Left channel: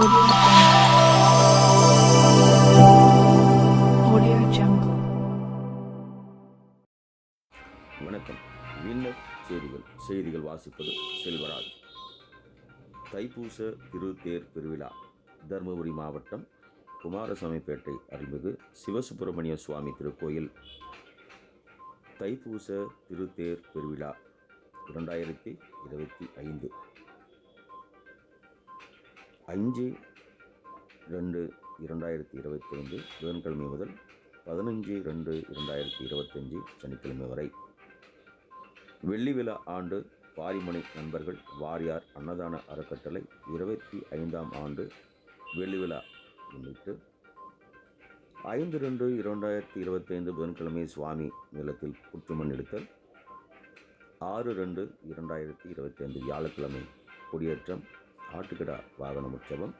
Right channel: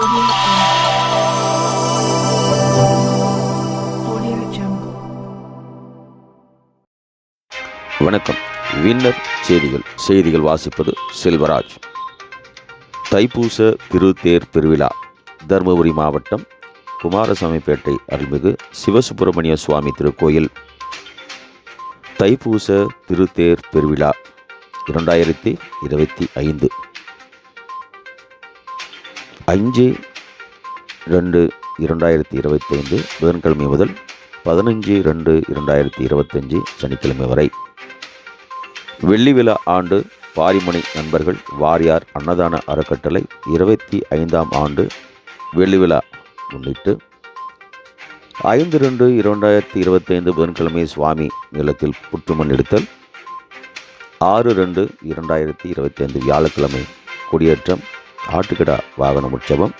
வணக்கம். வின்னர் செய்திகள். செய்திகள் வாசிப்பது செல்வராஜ். தைப்பூச திருத்தேர் பெருவிழா தருமபுரி மாவட்டம் குமாரசாமிப்பேட்டை அருள்மிகு சிவசுப்பிரமணிய சுவாமி திருக்கோயில். தைப்பூச திருத்தேர் பெருவிழா இரண்டாயிரத்தி இருபத்தி ஐந்து. அஞ்சு ரெண்டு இரண்டாயிரத்தி இருபத்தைந்து புதன்கிழமை முதல் பதினஞ்சு ரெண்டு இரண்டாயிரத்தி இருபத்தஞ்சு சனிக்கிழமை வரை. வெள்ளி விழா ஆண்டு பாரிமணி நண்பர்கள் வாரியார் அன்னதான அறக்கட்டளை இருபத்தி ஐந்தாம் ஆண்டு வெள்ளி விழா முன்னிட்டு ஐந்து ரெண்டு இரண்டாயிரத்தி இருபத்தைந்து புதன்கிழமை சுவாமி நிலத்தில் புற்றுமண் எடுத்தல். ஆறு ரெண்டு இரண்டாயிரத்தி இருபத்தைந்து வியாழக்கிழமை கொடியேற்றம். ஆட்டுக்கடா வாகன உற்சவம்.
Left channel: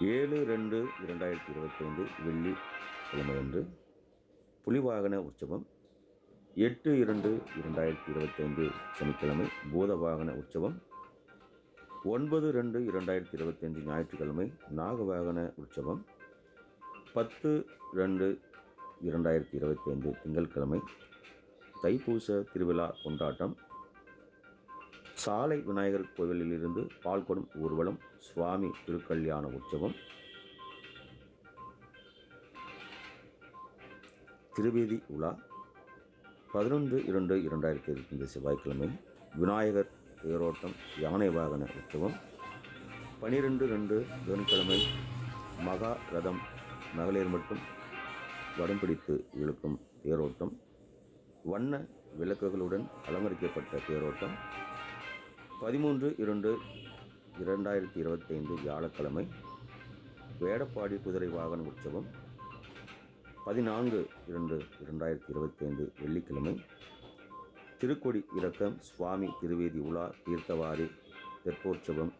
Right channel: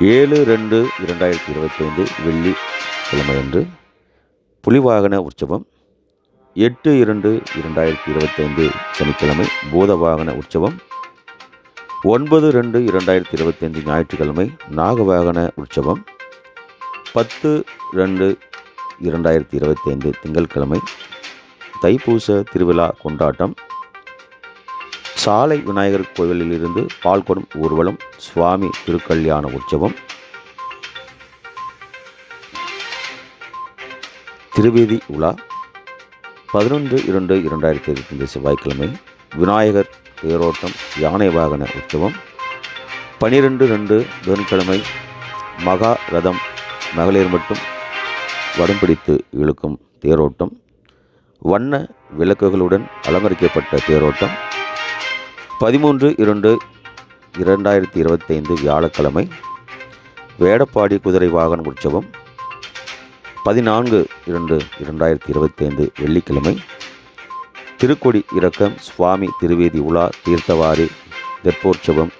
ஏழு ரெண்டு இரண்டாயிரத்தி இருபத்தைந்து வெள்ளி கிழமையன்று புலிவாகன உற்சவம். எட்டு இரண்டு இரண்டாயிரத்தி இருபத்தைந்து சனிக்கிழமை பூத வாகன உற்சவம். ஒன்பது ரெண்டு இரண்டாயிரத்தி இருபத்தைந்து ஞாயிற்றுக்கிழமை நாகவாகன உற்சவம். பத்து ரெண்டு இரண்டாயிரத்தி இருபத்தைந்து திங்கட்கிழமை தைப்பூச திருவிழா கொண்டாட்டம். சாலை விநாயகர் கோவிலில் இருந்து பால்குடம் ஊர்வலம் சுவாமி திருக்கல்யாண உற்சவம். திருவேதி உலா பதினொன்று இரண்டு இரண்டாயிரத்தி இருபத்தைந்து செவ்வாய்க்கிழமை விநாயகர் தேரோட்டம் யானை வாகன உற்சவம். பனிரெண்டு ரெண்டு புதன்கிழமை மகா ரதம் மகளிர் மட்டும் வடம்பிடித்து இழுக்கும் தேரோட்டம். வண்ண விளக்குகளுடன் அலங்கரிக்கப்பட்ட தேரோட்டம். பதிமூன்று இரண்டு இரண்டாயிரத்தி இருபத்தைந்து வியாழக்கிழமை வேடப்பாடி குதிரை வாகன உற்சவம். பதினான்கு இரண்டு இரண்டாயிரத்தி இருபத்தைந்து வெள்ளிக்கிழமை திருக்கொடி இறக்கம் சுவாமி திருவேதி உலா தீர்த்தவாரி தெப்போற்சவம்.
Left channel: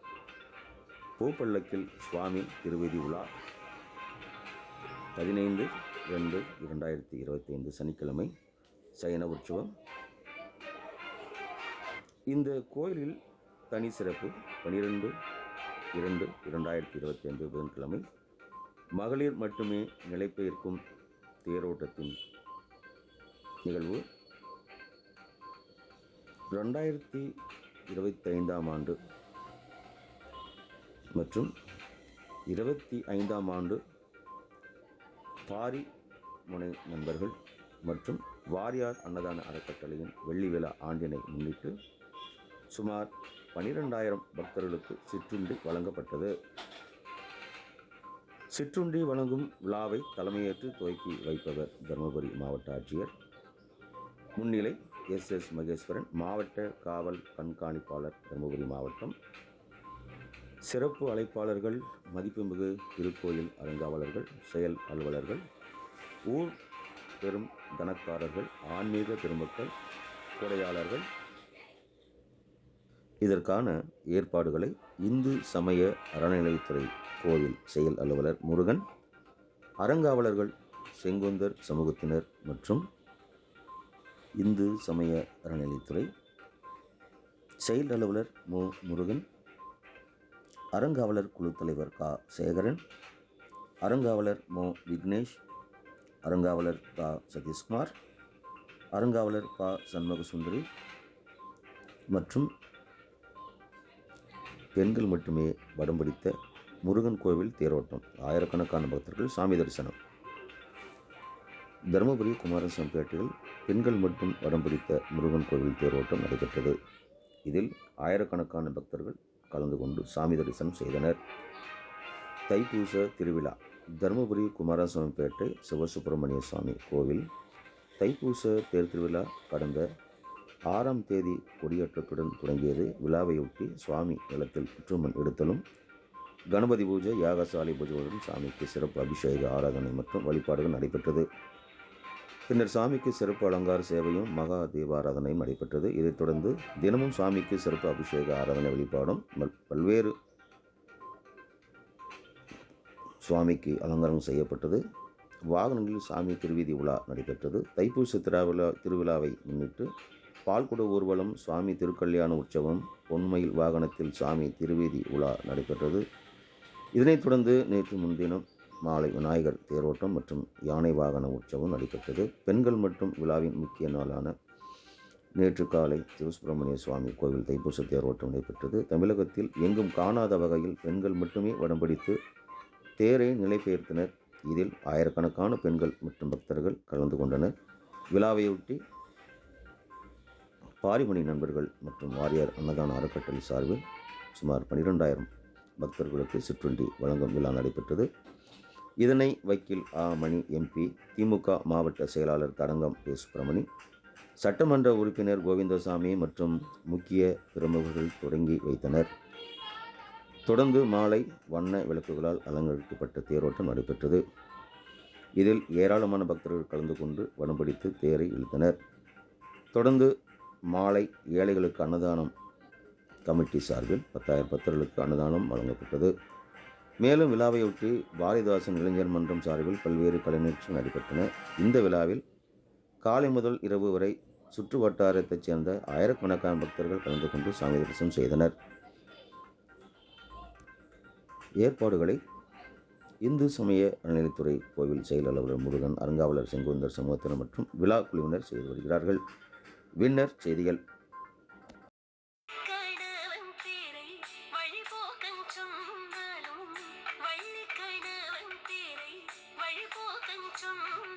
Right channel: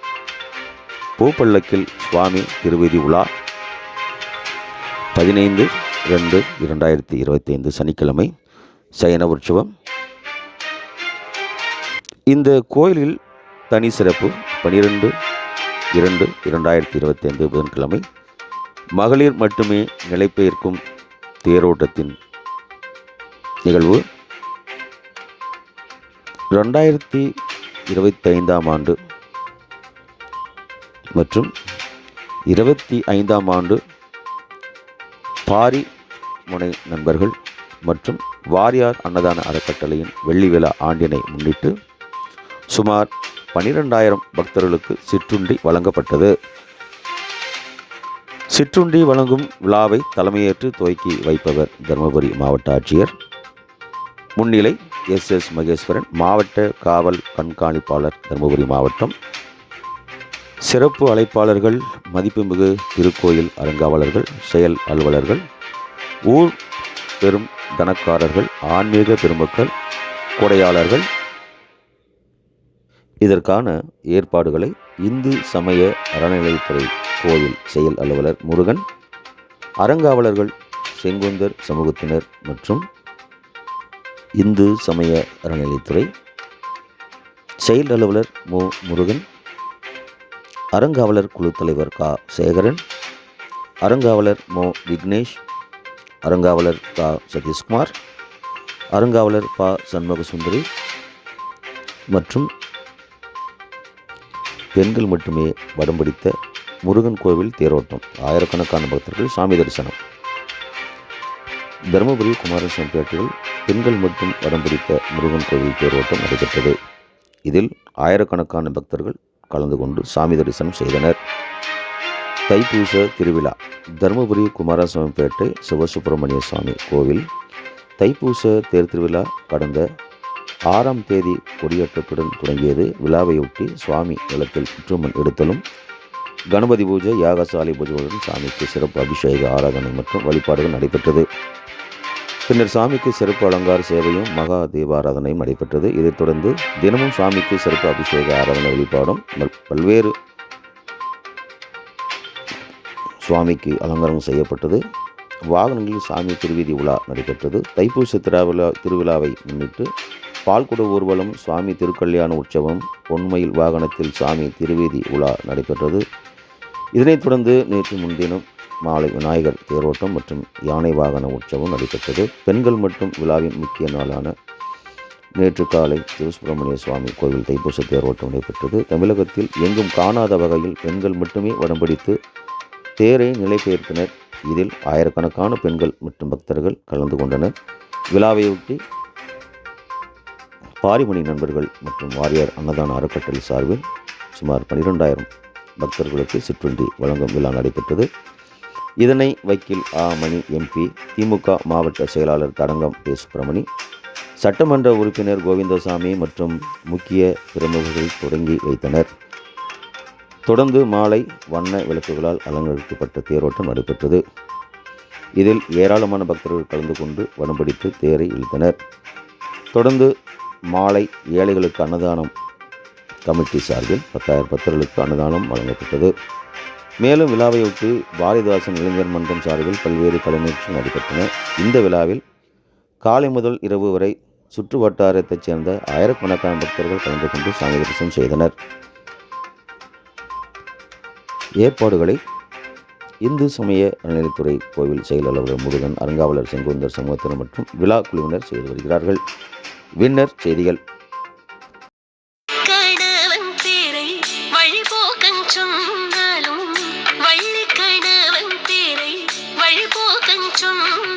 பூப்பள்ளக்கில் சுவாமி திருவேதி உலா பதினைந்து ரெண்டு இரண்டாயிரத்தி இருபத்தைந்து சனிக்கிழமை சயன உற்சவம். இந்த கோயிலில் தனி சிறப்பு பனிரெண்டு இரண்டு இரண்டாயிரத்தி இருபத்தைந்து புதன்கிழமை. மகளிர் மட்டுமே நிலைபெயர்க்கும் தேரோட்டத்தின் நிகழ்வு. ரெண்டாயிரத்தி இருபத்தைந்தாம் ஆண்டு மற்றும் இருபத்தி ஐந்தாம் ஆண்டு பாரி முனை நண்பர்கள் மற்றும் வாரியார் அன்னதான அறக்கட்டளையின் வெள்ளி விழா ஆண்டினை முன்னிட்டு சுமார் பனிரெண்டாயிரம் பக்தர்களுக்கு சிற்றுண்டி வழங்கப்பட்டது. சிற்றுண்டி வழங்கும் விழாவை தலைமையேற்று துவக்கி வைப்பவர் தருமபுரி மாவட்ட ஆட்சியர். முன்னிலை எஸ் எஸ் மகேஸ்வரன் மாவட்ட காவல் கண்காணிப்பாளர் தருமபுரி மாவட்டம். சிறப்பு அழைப்பாளர்கள் மதிப்புமிகு திருக்கோயில் அறங்காவலர்கள் செயல் அலுவலர்கள் ஊர் பெரும் தனக்காரர்கள் ஆன்மீக பெருமக்கள் கொடையாளர்கள் இதற்கான ஏற்பாடுகளை இந்து சமய அறநிலையத்துறை கோயில் செயல் அலுவலர் முருகன் அறங்காவலர்கள் செங்குந்தர் சமூகத்தினர் மற்றும் இந்து சமய அறநிலையத்துறை செயல் அலுவலர் மு. முருகன் அறங்காவலர் குழு தலைவர் கா. சேகரன் அறங்காவலர் மு. விக்னேஷ் அறங்காவலர் கா. சதீஷ்குமார் அறங்காவலர் ப. சண்முகசுந்தரி மற்றும் பெண்கள் மட்டுமே வடம் பிடித்த முருகன் கோவில் தேரோட்டம். ஆயிரக்கணக்கான பக்தர்கள் சாமி தரிசனம். தருமபுரி குமாரசாமிப்பேட்டையில் பெண்கள் மட்டும் வடம் பிடித்த முருகன் கோவில் தேரோட்டம் நடைபெற்றது. இதில் ஆயிரக்கணக்கான பக்தர்கள் கலந்து கொண்டு சாமி தரிசனம் செய்தனர். தைப்பூச திருவிழா. தருமபுரி குமாரசாமிப்பேட்டை சிவசுப்பிரமணிய சுவாமி கோவில். தைப்பூச தேர் திருவிழா கடந்த ஆறாம் தேதி கொடியேற்றத்துடன் தொடங்கியது. விழாவையொட்டி சுவாமி நிலத்தில் புற்றுமண் எடுத்தலும் கணபதி பூஜை யாகசாலை பூஜைகளுடன் சாமிக்கு சிறப்பு அபிஷேக ஆராதனை மற்றும் வழிபாடுகள் நடைபெற்றது. பின்னர் சாமிக்கு சிறப்பு அலங்கார சேவையும் மகா தீபாராதனையும் நடைபெற்றது. இதைத் தொடர்ந்து தினமும் சாமிக்கு சிறப்பு அபிஷேக ஆராதனை வழிபாடும் பல்வேறு சுவாமிக்கு அலங்காரம் செய்யப்பட்டது. வாகனங்களில் சாமி திருவீதி உலா நடைபெற்றது. தைப்பூச திருவிழா திருவிழாவை முன்னிட்டு பால்குட ஊர்வலம் சுவாமி திருக்கல்யாண உற்சவம் பொன்மயில் வாகனத்தில் சாமி திருவேதி உலா நடைபெற்றது. இதனைத் தொடர்ந்து நேற்று முன்தினம் மாலை விநாயகர் தேரோட்டம் மற்றும் யானை வாகன உற்சவம் நடைபெற்றது. பெண்கள் மற்றும் விழாவின் முக்கிய நாளான நேற்று காலை திருசுப்பிரமணிய சுவாமி கோவில் தைப்பூச தேரோட்டம் நடைபெற்றது. தமிழகத்தில் எங்கும் காணாத வகையில் பெண்கள் மட்டுமே வடம்பிடித்து தேரை தேரை நிலைபெயர்த்தனர். இதில் ஆயிரக்கணக்கான பெண்கள் மற்றும் பக்தர்கள் கலந்து கொண்டனர். விழாவையொட்டி பாரிமணி நண்பர்கள் மற்றும் வாரியார் அன்னதான அறக்கட்டளை சார்பில் சுமார் பன்னிரெண்டாயிரம் பக்தர்களுக்கு சிற்றுண்டி வழங்கும் விழா நடைபெற்றது. இதனை வக்கீல் ஆ. மணி எம்பி திமுக மாவட்ட செயலாளர் தடங்கம் பே சுப்பிரமணி சட்டமன்ற உறுப்பினர் கோவிந்தசாமி மற்றும் முக்கிய பிரமுகர்கள் தொடங்கி வைத்தனர். தொடர்ந்து மாலை வண்ண விளக்குகளால் அலங்கரிக்கப்பட்ட தேரோட்டம் நடைபெற்றது. இதில் ஏராளமான பக்தர்கள் கலந்து கொண்டு வடம்பிடித்து தேரை இழுத்தனர். தொடர்ந்து மாலை ஏழைகளுக்கு அன்னதானம் கமிட்டி சார்பில் பத்தாயிரம் பக்தர்களுக்கு அன்னதானம் வழங்கப்பட்டது. மேலும் விழாவையொட்டி பாரதிதாசன் இளைஞர் மன்றம் சார்பில் பல்வேறு கலைநிகழ்ச்சிகள் நடைபெற்றன. இந்த விழாவில் காலை முதல் இரவு வரை சுற்று வட்டாரத்தைச் சேர்ந்த ஆயிரக்கணக்கான பக்தர்கள் கலந்து கொண்டு சாமி தரிசனம் செய்தனர். ஏற்பாடுகளை இந்து சமய அறநிலைத்துறை கோவில் செயலாளர் முருகன் அறங்காவலர் செங்குந்தர் சமூகத்தினர் மற்றும் விழா குழுவினர் செய்து வருகிறார்கள். வின்னர் செய்திகள். கணவன் பேரை சொன்னாலும் வள்ளி கணவன் பேரை வழிபோக்கன் சொன்னாலும்